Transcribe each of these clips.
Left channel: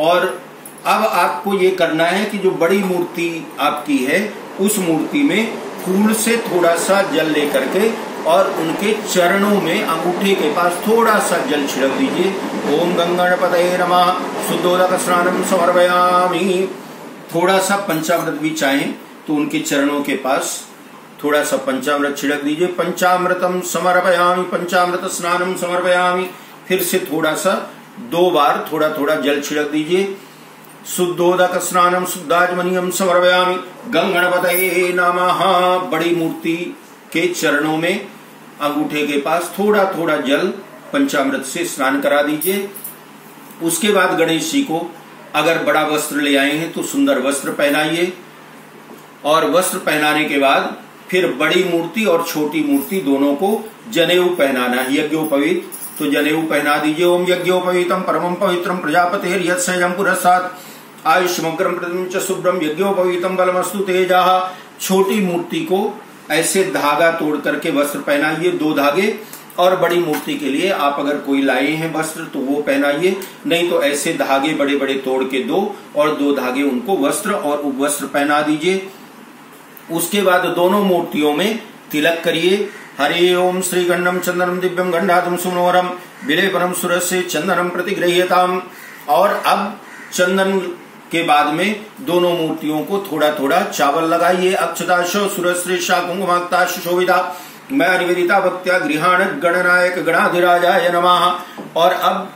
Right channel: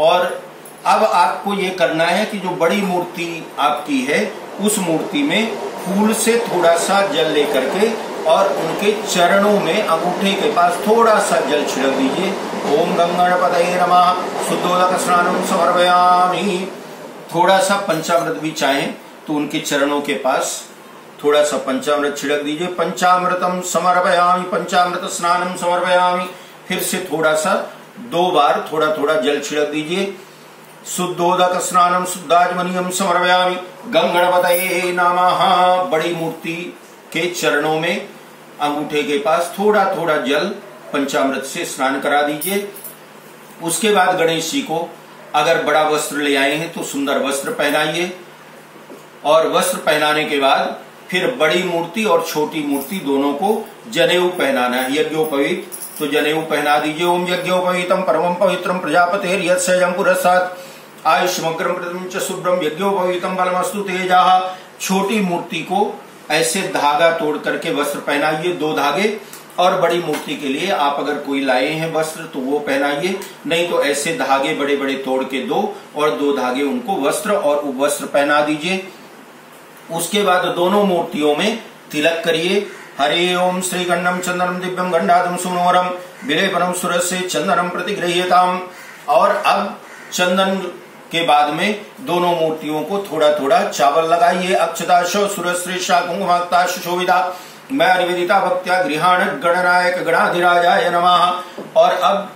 और अब आपको ये करना है कि जो बड़ी मूर्ति आपकी है उस मूर्ति में फूल से थोड़ा सा जल लेकर के और उनके चरणों में अंगूठे के पास थोड़ा सा जल छिड़क दीजिए। ओम गंगणपतये नमः शुद्धोदक स्नानम समर्पयामि। थोड़ा सा पंचामृत भी चाहें तो उनके चरणों के पास थोड़ा सा पंचामृत छिड़क दीजिए। पंचामृतम समर्पयामि, पंचामृत स्नानम समर्पयामि। फिर से थोड़ा सा 2 बार थोड़ा थोड़ा जल छिड़क दीजिए। शुद्धोदक स्नानम शुद्धाजमनियम समर्पयामि गंगणपतये नमः। बड़ी मूर्ति के चरणों में अंगूठे के पास थोड़ा थोड़ा जल पंचामृत से स्नान करा दीजिए। उसके बाद गणेश जी को अगर बड़ा वस्त्र ले आए हैं तो सुंदर वस्त्र पहनाइए और वस्त्र पहनाने के बाद फिर बड़ी मूर्ति और छोटी मूर्ति दोनों को जनेऊ पहनाना है। यज्ञोपवीत तो जनेऊ पहना दीजिए। ओम यज्ञोपवीतम परमं पवित्रम प्रजापतेर यत्सैजं पुरस्तात् आयुष्मग्रम प्रतिम च शुभ्रम यज्ञोपवीतम बलमस्तु तेजः। छोटी मूर्ति को ऐसे धागा तोड़ करके वस्त्र पहनाइए, 2 धागे। और बड़ी मूर्ति के लिए आप अगर कोई लाए हैं वस्त्र तो वो पहनाइए, नहीं तो ऐसे धागे बड़े बड़े तोड़ के 2 और 2 धागे उनको वस्त्र और उपवस्त्र पहना दीजिए। उसके बाद दोनों मूर्तियों में तिलक करिए। हरि ओम श्री गंडम चंदनम दिव्यम गंडादम सुनोरम विलेपनम सुरस्य चंदनम प्रतिगृह्यताम। और अब चंदन के बाद में दोनों मूर्तियों को थोड़ा थोड़ा चावल लगाइए। अक्षताशो सुरश्रेषा कुंकुमाक्ता सुशोभिता मैं निवेदिता भक्त्या गृहाण गणनायक गणाधिराजाय नमः। और अब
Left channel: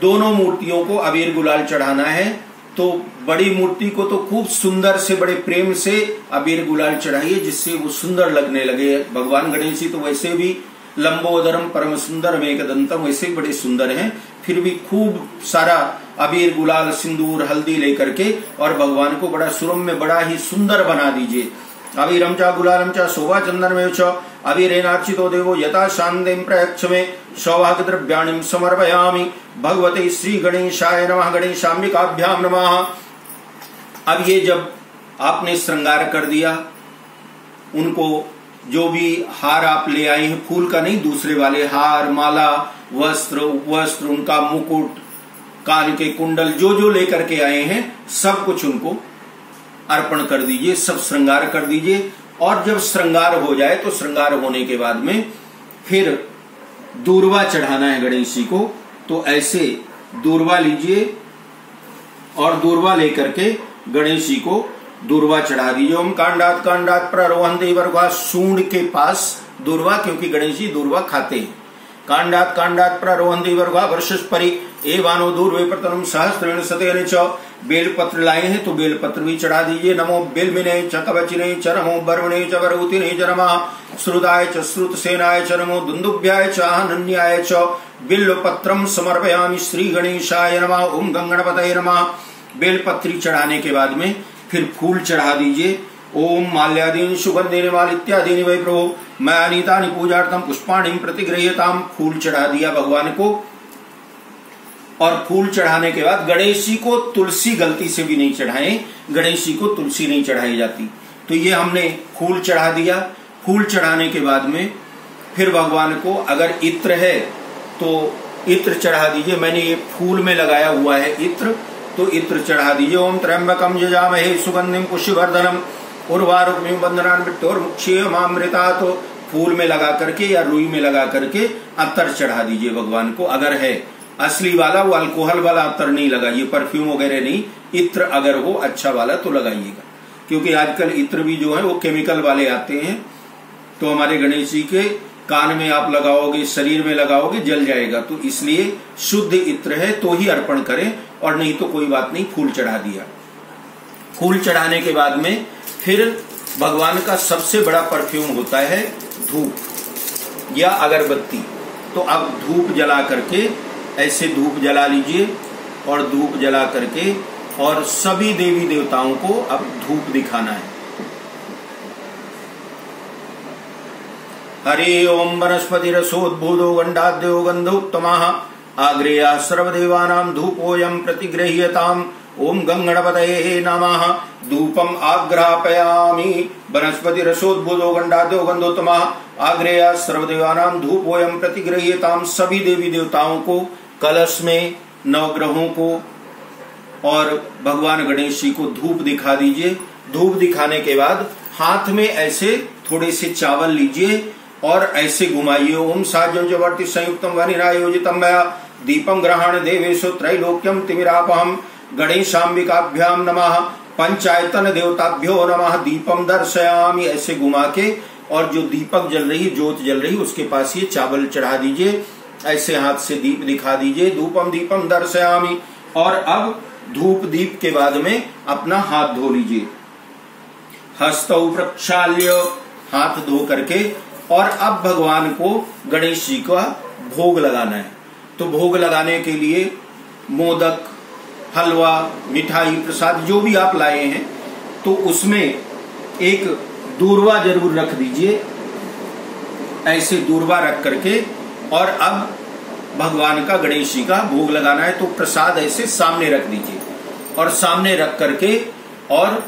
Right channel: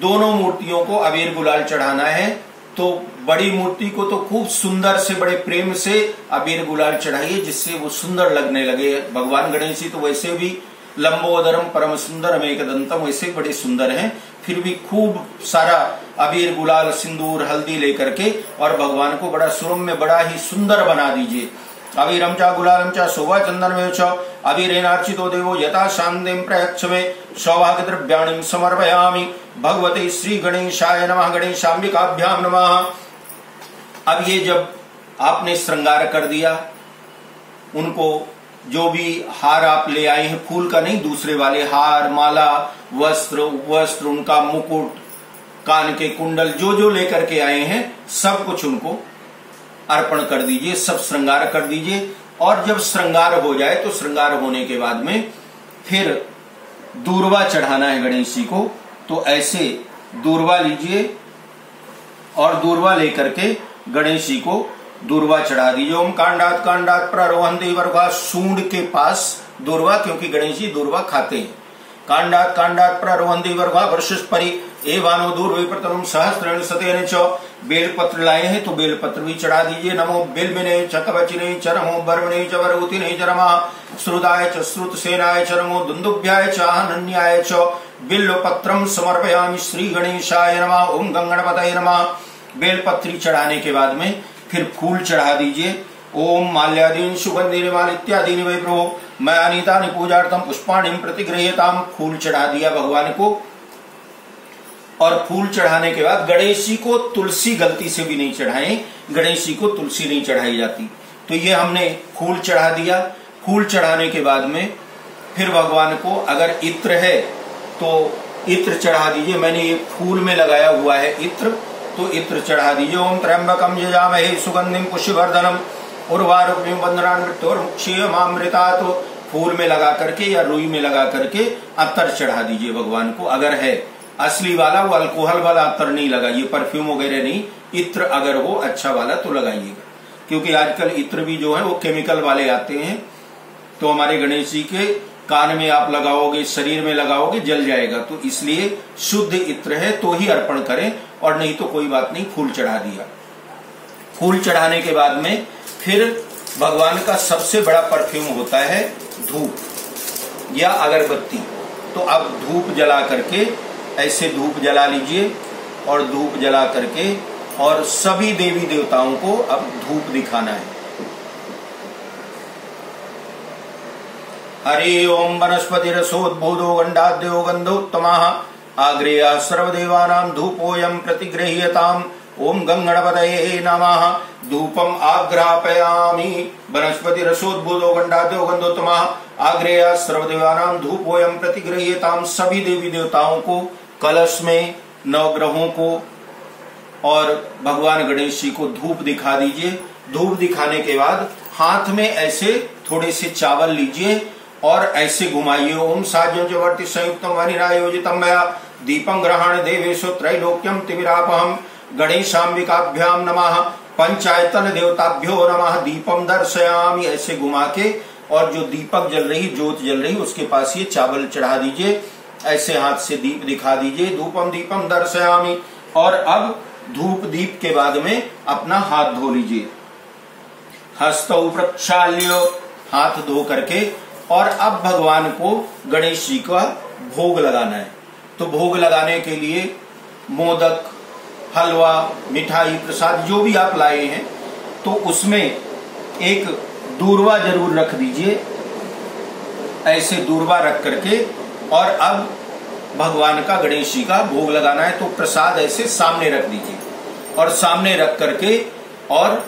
दोनों मूर्तियों को अबीर गुलाल चढ़ाना है। तो बड़ी मूर्ति को तो खूब सुंदर से बड़े प्रेम से अबीर गुलाल चढ़ाइए जिससे वो सुंदर लगने लगे। भगवान गणेश जी तो वैसे भी लंबोदरम परम सुंदर एकदंतम वैसे बड़े सुंदर हैं, फिर भी खूब सारा अबीर गुलाल सिंदूर हल्दी लेकर के और भगवान को बड़ा सुरम्य बड़ा ही सुंदर बना दीजिए। अबीरम चा गुलालम चा शोभा चंदन में अबीरेनार्चितो देवो यथा शांतिम प्रयच्छ में सौभाग्य द्रव्याणि समर्पयामि भगवते श्री गणेशाय नमः गणेशाम्बिकाभ्याम नमः। अब ये जब आपने श्रृंगार कर दिया, उनको जो भी हार आप ले आए हैं, फूल का नहीं दूसरे वाले हार, माला, वस्त्र, उपवस्त्र, उनका मुकुट, कान के कुंडल जो जो लेकर के आए हैं सब कुछ उनको अर्पण कर दीजिए, सब श्रृंगार कर दीजिए। और जब श्रृंगार हो जाए तो श्रृंगार होने के बाद में फिर दूर्वा चढ़ाना है गणेश जी को। तो ऐसे दूर्वा लीजिए और दूर्वा लेकर के गणेश जी को दूर्वा चढ़ा दीजिए। ओम कांडात कांडात प्ररोहन्ते वर्गा, सूंड के पास दूर्वा, क्योंकि गणेश जी दूर्वा खाते हैं। कांडात कांडात प्ररोहन्ते वर्गा वर्षस्परि एवानो दूर्वे प्रतरम सहस्रेण सतेन च। बेलपत्र लाए हैं तो बेलपत्र भी चढ़ा दीजिए। नमो बेलमिने च कवचिने च नमो बर्वणे च वरऊतिने च नमः श्रुताय च श्रुतसेनाय च नमो दुन्दुभ्याय च अहनन्याय च बिल्वपत्रम समर्पयामि श्री गणेशाय नमः ओम गंगणपतये नमः। बेलपत्री चढ़ाने के बाद में फिर फूल चढ़ा दीजिए। ओम माल्यादीन सुगंधेन माल इत्यादि वै प्रभो मैं अनीतानि पूजार्थम पुष्पाणि प्रतिगृह्यताम। फूल चढ़ा दिया भगवान को। और फूल चढ़ाने के बाद गणेश जी को तुलसी गलती से भी नहीं चढ़ाएं, गणेश जी को तुलसी नहीं चढ़ाई जाती। तो ये हमने फूल चढ़ा दिया। फूल चढ़ाने के बाद में फिर भगवान को अगर इत्र है तो इत्र चढ़ा दीजिए। मैंने ये फूल में लगाया हुआ है इत्र, तो इत्र चढ़ा दीजिए। ओम त्र्यंबकम यजामहे सुगंधिम पुष्यवर्धनम उर्वारुकमिव बंधनान् मृत्योर्मुक्षीयमामृता। तो फूल में लगा करके या रुई में लगा करके अत्तर चढ़ा दीजिए भगवान को। अगर है असली वाला, वो अल्कोहल वाला अत्तर नहीं लगाइए, परफ्यूम वगैरह नहीं। इत्र अगर हो अच्छा वाला तो लगाइएगा, क्योंकि आजकल इत्र भी जो है वो केमिकल वाले आते हैं। तो हमारे गणेश जी के कान में आप लगाओगे, शरीर में लगाओगे, जल जाएगा। तो इसलिए शुद्ध इत्र है तो ही अर्पण करें, और नहीं तो कोई बात नहीं, फूल चढ़ा दिया। फूल चढ़ाने के बाद में फिर भगवान का सबसे बड़ा परफ्यूम होता है धूप या अगरबत्ती। तो अब धूप जला करके ऐसे धूप जला लीजिए और धूप जला करके और सभी देवी देवताओं को अब धूप दिखाना है। हरि ओम वनस्पति रसोद्भूतो गंडाद्यो गंधोत्तमः आग्रेया सर्वदेवानां धूपोऽयं प्रतिगृह्यताम् ओम गंगणपतये नमः। धूपम आग्रापयामि वनस्पति रसोद्भूतो गंडाद्यो गंधोत्तमः आग्रेया सर्वदेवानां धूपोऽयं प्रतिगृह्यताम्। सभी देवी देवताओं को कलश में, नवग्रहों को और भगवान गणेश जी को धूप दिखा दीजिए। धूप दिखाने के बाद हाथ में ऐसे थोड़े से चावल लीजिए और ऐसे घुमाइए। ओम साज्यम जवर्ति संयुक्तम वनिरायोजितम मया दीपम ग्रहण देवेशो त्रैलोक्यम तिमिरापहम गणेशाम्बिकाभ्याम नमः पंचायतन देवताभ्यो नमः दीपम दर्शयामि। ऐसे घुमा के और जो दीपक जल रही, जोत जल रही, उसके पास ये चावल चढ़ा दीजिए। ऐसे हाथ से दीप दिखा दीजिए, धूपम दीपम दर्शयामि। और अब धूप दीप के बाद में अपना हाथ धो लीजिए, हस्तौ प्रक्षाल्य, हाथ धो करके। और अब भगवान को गणेश जी का भोग लगाना है। तो भोग लगाने के लिए मोदक, हलवा, मिठाई, प्रसाद जो भी आप लाए हैं, तो उसमें एक दूर्वा जरूर रख दीजिए। ऐसे दूर्वा रख करके और अब भगवान का, गणेश जी का भोग लगाना है। तो प्रसाद ऐसे सामने रख दीजिए और सामने रख करके और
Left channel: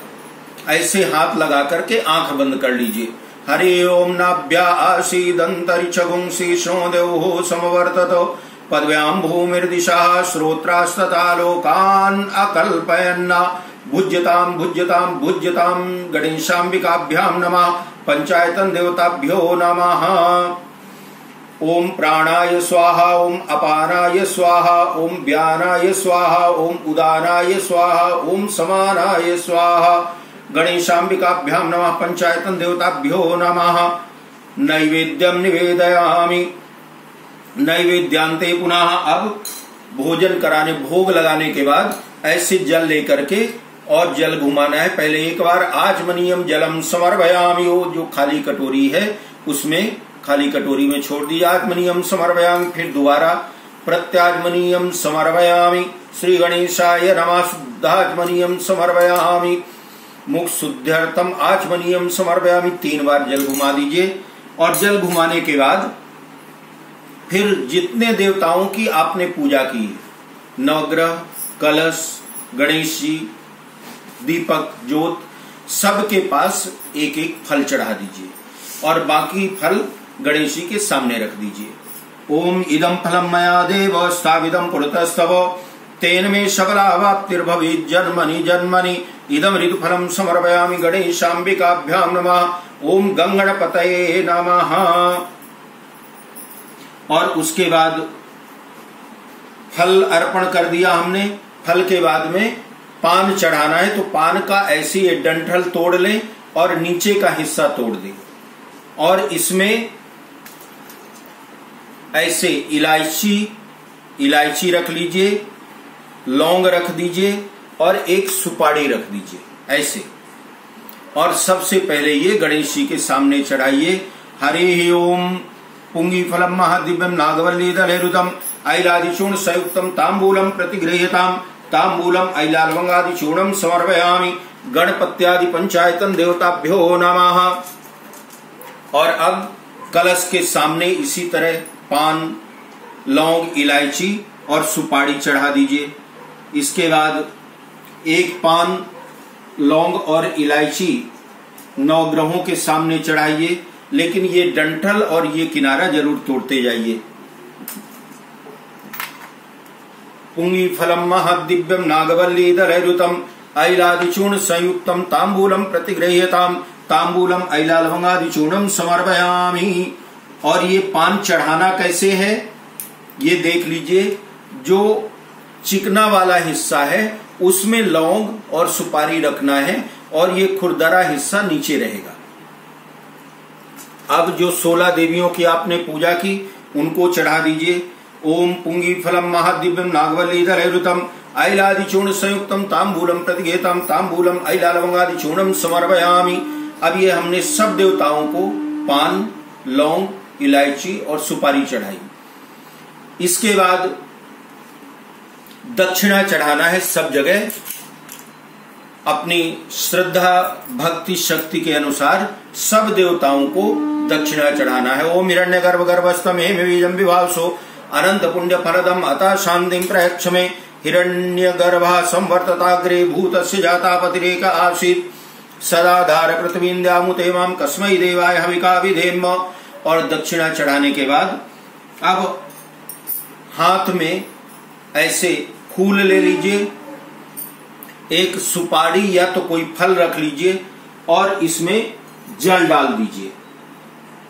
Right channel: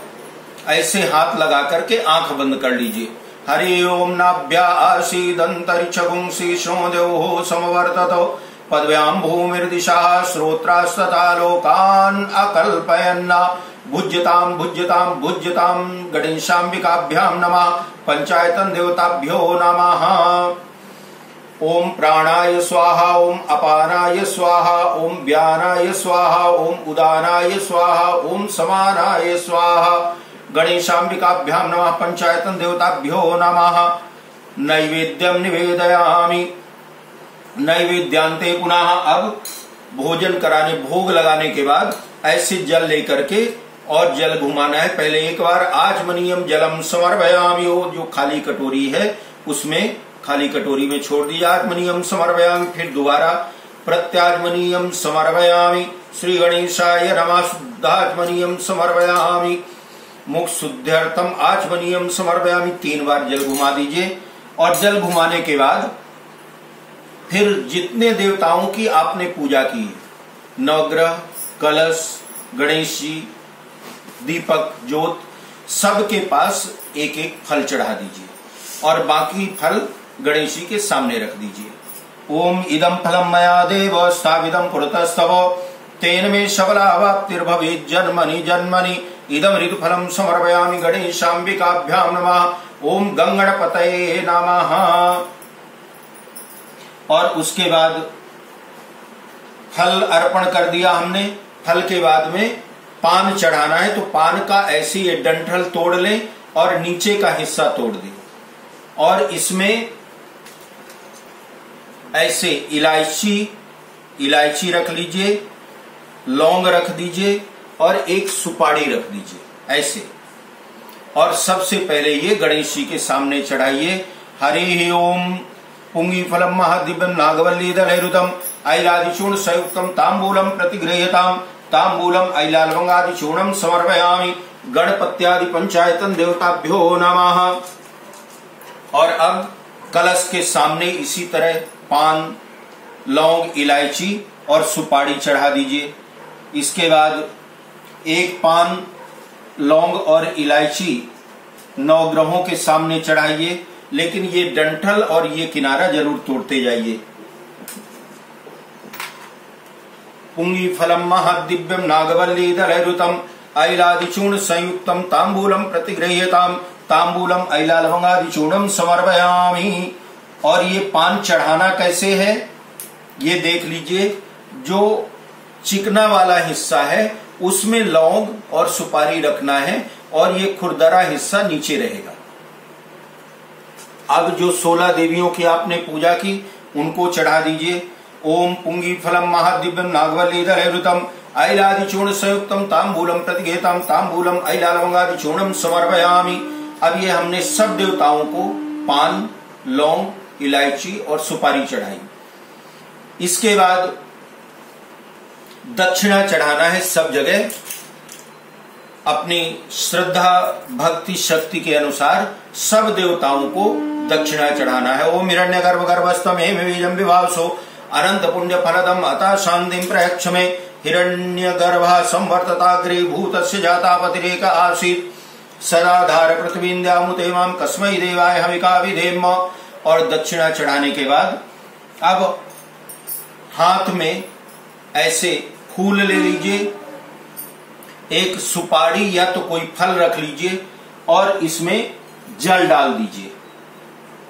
ऐसे हाथ लगा करके आंख बंद कर लीजिए। हरि ओम नाभ्या आसीदंतरिक्षगुंसी देवो समवर्ततो पदव्याम भूमिर्दिशा श्रोत्रास्तथा लोकान अकल्पयन्ना भुज्यताम भुज्यताम भुज्यताम गणेशाम्बिकाभ्याम नमः पंचायतन देवताभ्यो नमः। ओम प्राणाय स्वाहा, ओम अपानाय स्वाहा, ओम व्यानाय स्वाहा, ओम उदानाय स्वाहा, ओम समानाय स्वाहा गणेशाम्बिकाभ्याम नमः पंचायतन देवताभ्यो नमः। नैवेद्यम निवेदयामि। नैवेद्यांते पुनः, अब भोजन कराने, भोग लगाने के बाद ऐसे जल लेकर के और जल घुमाना है। पहले एक बार आचमनीयम जलम समर्पयामि, वो जो खाली कटोरी है उसमें, खाली कटोरी में छोड़ दी, आचमनीयम समर्पयामि। फिर दोबारा प्रत्याचमनीयम समर्पयामि, श्री गणेशाय नमः शुद्धाचमनीयम समर्पयामि, मुख शुद्ध्यर्थम आचमनीयम समर्पयामि। 3 बार जल घुमा दीजिए। और जल घुमाने के बाद फिर जितने देवताओं की आपने पूजा की, नवग्रह, कलश, गणेश जी, दीपक, ज्योत, सबके पास एक एक फल चढ़ा दीजिए और बाकी फल गणेश जी के सामने रख दीजिए। ओम इदम फलम मया देव स्थाविदम कुरुतस्तव तेन में सबलावाप्तिर्भवेत् जन्मनि जन्मनि इदम ऋतुफलम समर्पयामि गणेशाम्बिकाभ्याम नमः। ओम गंगणपतये नमः। और उसके बाद फल अर्पण कर दिया हमने। फल के बाद में पान चढ़ाना है, तो पान का ऐसी ये डंठल तोड़ लें और नीचे का हिस्सा तोड़ दें और इसमें ऐसे इलायची रख लीजिए, लौंग रख दीजिए और एक सुपारी रख दीजिए ऐसे। और सबसे पहले ये गणेश जी के सामने चढ़ाइए। हरि ओम पुंगी फलम महादिव्यम नागवल्ली दलहृतम ऐलादिचूर्ण संयुक्तम तांबूलम प्रतिगृह्यताम तांबूलम ऐलालवंगादिचूर्णम समर्पयामि गणपत्यादि पंचायतन देवताभ्यो नमः। और अब कलश के सामने इसी तरह पान, लौंग, इलायची और सुपारी चढ़ा दीजिए। इसके बाद एक पान, लौंग और इलायची नवग्रहों के सामने चढ़ाइए, लेकिन ये डंठल और ये किनारा जरूर तोड़ते जाइए। पुंगी फलम महादिव्यम नागवल्ली दलहृतम ऐलादिचूर्ण संयुक्तम तांबूलम प्रतिगृह्यताम तांबूलम ऐलालवंगादिचूर्णम समर्पयामि। और ये पान चढ़ाना कैसे है ये देख लीजिए। जो चिकना वाला हिस्सा है उसमें लौंग और सुपारी रखना है और ये खुरदरा हिस्सा नीचे रहेगा। अब जो 16 देवियों की आपने पूजा की उनको चढ़ा दीजिए। ओम पुंगी फलम महादिव्यम नागवल्ली दलहृतम ऐलादिचूर्ण संयुक्तम तांबूलम प्रतिगृह्यताम तांबूलम ऐलालवंगादिचूर्णम समर्पयामि। अब ये हमने सब देवताओं को पान, लौंग, इलायची और सुपारी चढ़ाई। इसके बाद दक्षिणा चढ़ाना है सब जगह। अपनी श्रद्धा, भक्ति, शक्ति के अनुसार सब देवताओं को दक्षिणा चढ़ाना है। ओम हिरण्य गर्भ गर्भस्थम हेम बीजम विभावसो अनंत पुण्य फलदम अतः शांतिम प्रयक्ष में हिरण्य गर्भा संवर्तताग्रे भूतस्य जातापतिरेक आसीत सदाधार पृथ्वीन्द्यामुते माम कस्मै देवाय हविका विधेम। और दक्षिणा चढ़ाने के बाद अब हाथ में ऐसे फूल ले लीजिए एक सुपारी या तो कोई फल रख लीजिए और इसमें जल डाल दीजिए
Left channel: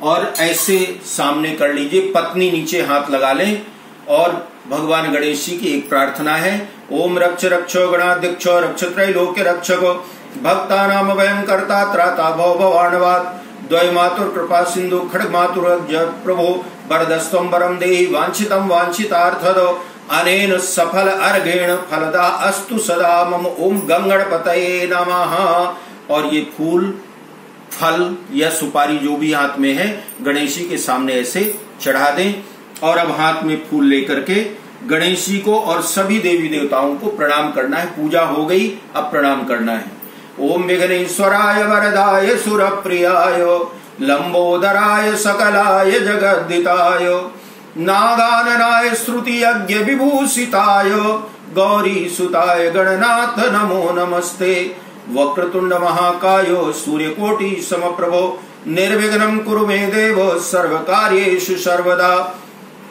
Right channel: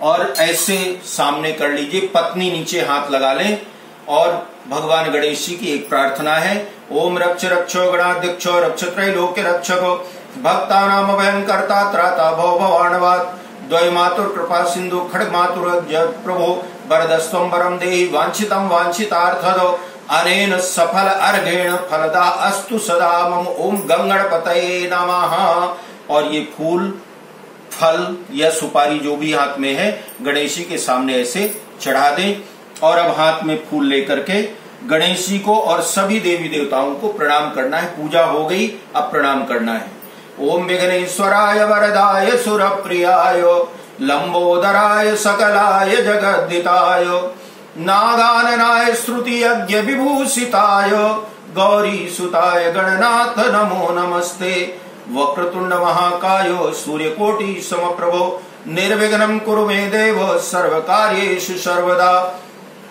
और ऐसे सामने कर लीजिए। पत्नी नीचे हाथ लगा लें और भगवान गणेश जी की एक प्रार्थना है, ओम रक्ष रक्षो गणाध्यक्ष रक्ष त्रैलोक्य रक्षको भक्ता नाम भयंकर्ता त्राता भव भवानवाद द्वय मातुर कृपा सिंधु खड्ग मातुर प्रभो वरदस्त्वं वरं देहि वांछितं वांछितार्थदो अनेन सफल अर्घेण फलदा अस्तु सदा मम ओम गंगणपतये नमः। और ये फूल फल या सुपारी जो भी हाथ में है गणेश जी के सामने ऐसे चढ़ा दें और अब हाथ में फूल लेकर के गणेश जी को और सभी देवी देवताओं को प्रणाम करना है। पूजा हो गई, अब प्रणाम करना है। ओम विघ्नेश्वराय वरदाय सुरप्रियाय लंबोदराय सकलाय जगद्दिताय नागाननाय श्रुति यज्ञ विभूषिताय गौरी सुताय गणनाथ नमो नमस्ते। वक्रतुंड महाकाय सूर्यकोटि समप्रभो निर्विघ्नं कुरु मे देव सर्वकार्येषु सर्वदा।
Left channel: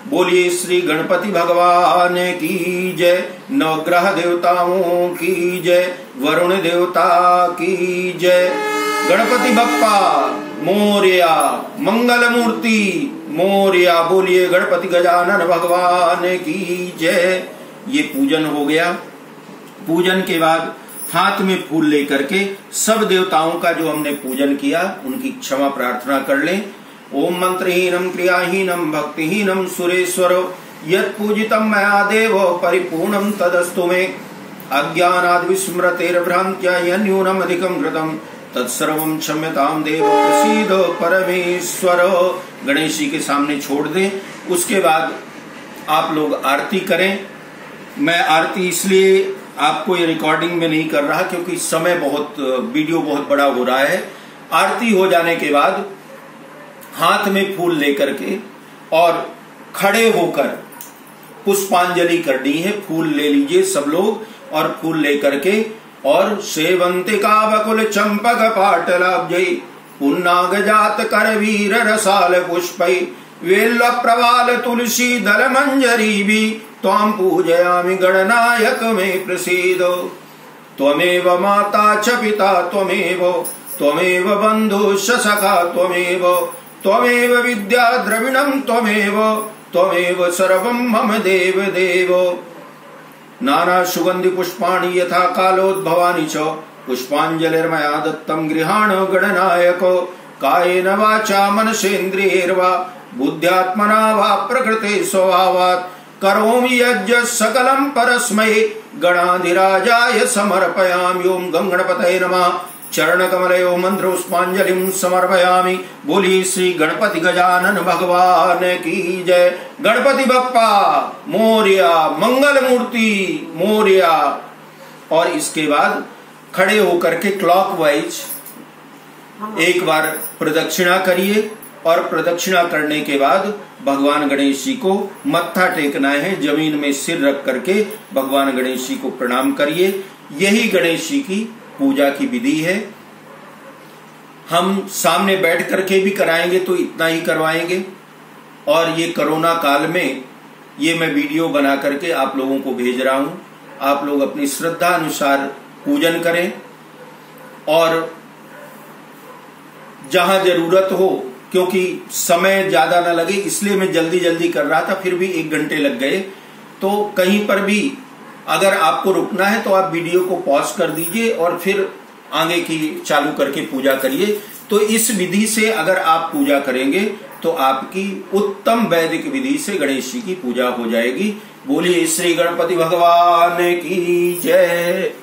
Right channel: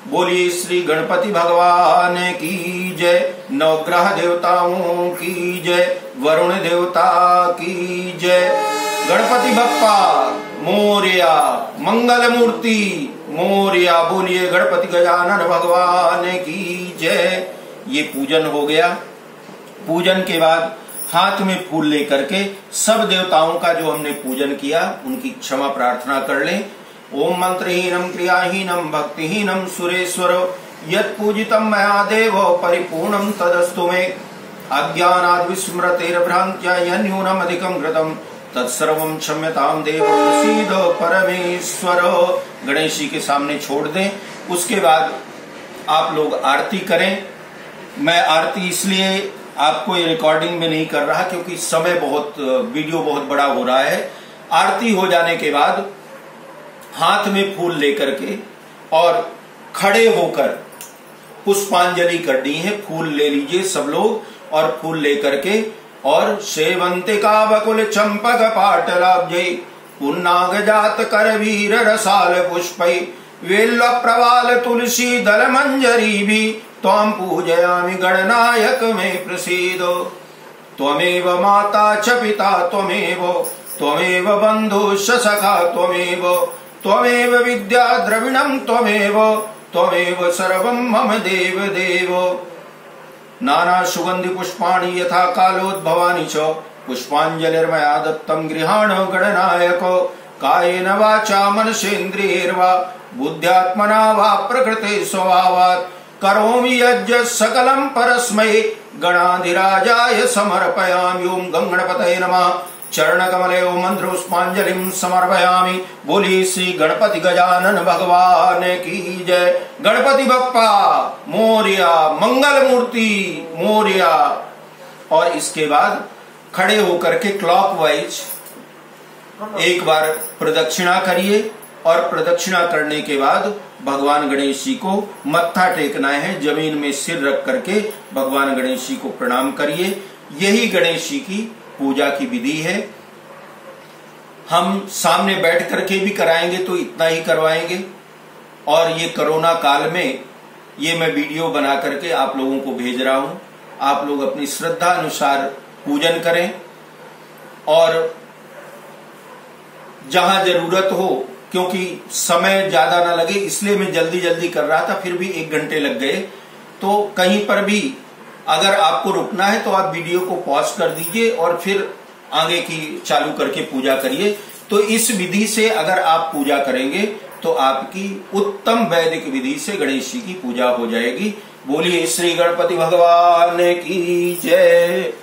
बोलिए श्री गणपति भगवान की जय, नवग्रह देवताओं की जय, वरुण देवता की जय। गणपति बप्पा मोरया, मंगल मूर्ति मोरया। बोलिए गणपति गजानन भगवान की जय। ये पूजन हो गया। पूजन के बाद हाथ में फूल लेकर के सब देवताओं का जो हमने पूजन किया उनकी क्षमा प्रार्थना कर लें। ओम मंत्रहीनम क्रियाहीनम भक्तिहीनम सुरेश्वरो यत् पूजितम मया देवो परिपूर्णम तदस्तु मे अज्ञानाद् विस्मृतिर्भ्रान्त्या यन्यूनम अधिकम कृतम तत्सर्वं क्षम्यताम देव प्रसीदो परमेश्वर। गणेश जी के सामने छोड़ दें। उसके बाद आप लोग आरती करें। मैं आरती इसलिए आपको ये रिकॉर्डिंग में नहीं कर रहा क्योंकि समय वीडियो बहुत बड़ा हो रहा है। आरती हो जाने के बाद हाथ में फूल लेकर के और खड़े होकर पुष्पांजलि करनी है। फूल ले लीजिए सब लोग और फूल लेकर के और सेवंतिका बकुल चंपक पाटलाब्जै पुन्नाग जात कर वीर रसाल पुष्पै वेल्ल प्रवाल तुलसी दल मंजरी भी त्वां पूजयामि गणनायक में प्रसीदो। त्वमेव माता च पिता त्वमेव बन्धुश्च सखा त्वमेव विद्या द्रविणं त्वमेव सर्वं मम देव देव। नाना सुगंधि पुष्पाणि यथा कालोद्भवानि च पुष्पांजलिर्मया दत्तं गृहाण गणनायको कायेन वाचा मनसेन्द्रियैर्वा बुद्ध्यात्मना वा प्रकृते स्वभावात् करोमि यज्ञ सकलं परस्मै गणाधिराजाय समर्पयामि। ओम गंगणपतये नमः। चरणकमलयो मंत्रोष्पांजलिं समर्पयामि। बोली श्री गणपति गजानन भगवान की जय। गणपति बप्पा मोरया, मंगल मूर्ति मोरया। और इसके बाद खड़े होकर के क्लॉकवाइज एक बार प्रदक्षिणा करिए और प्रदक्षिणा करने के बाद भगवान गणेश जी को मत्था टेकना है। जमीन में सिर रख करके भगवान गणेश जी को प्रणाम करिए। यही गणेश जी की पूजा की विधि है। हम सामने बैठ करके भी कराएंगे तो इतना ही करवाएंगे। और ये कोरोना काल में ये मैं वीडियो बना करके आप लोगों को भेज रहा हूं। आप लोग अपनी श्रद्धा अनुसार पूजन करें और जहां जरूरत हो, क्योंकि समय ज्यादा न लगे इसलिए मैं जल्दी जल्दी कर रहा था, फिर भी 1 घंटे लग गए। तो कहीं पर भी अगर आपको रुकना है तो आप वीडियो को पॉज कर दीजिए और फिर आगे की चालू करके पूजा करिए। तो इस विधि से अगर आप पूजा करेंगे तो आपकी उत्तम वैदिक विधि से गणेश जी की पूजा हो जाएगी। बोलिए श्री गणपति भगवान की जय।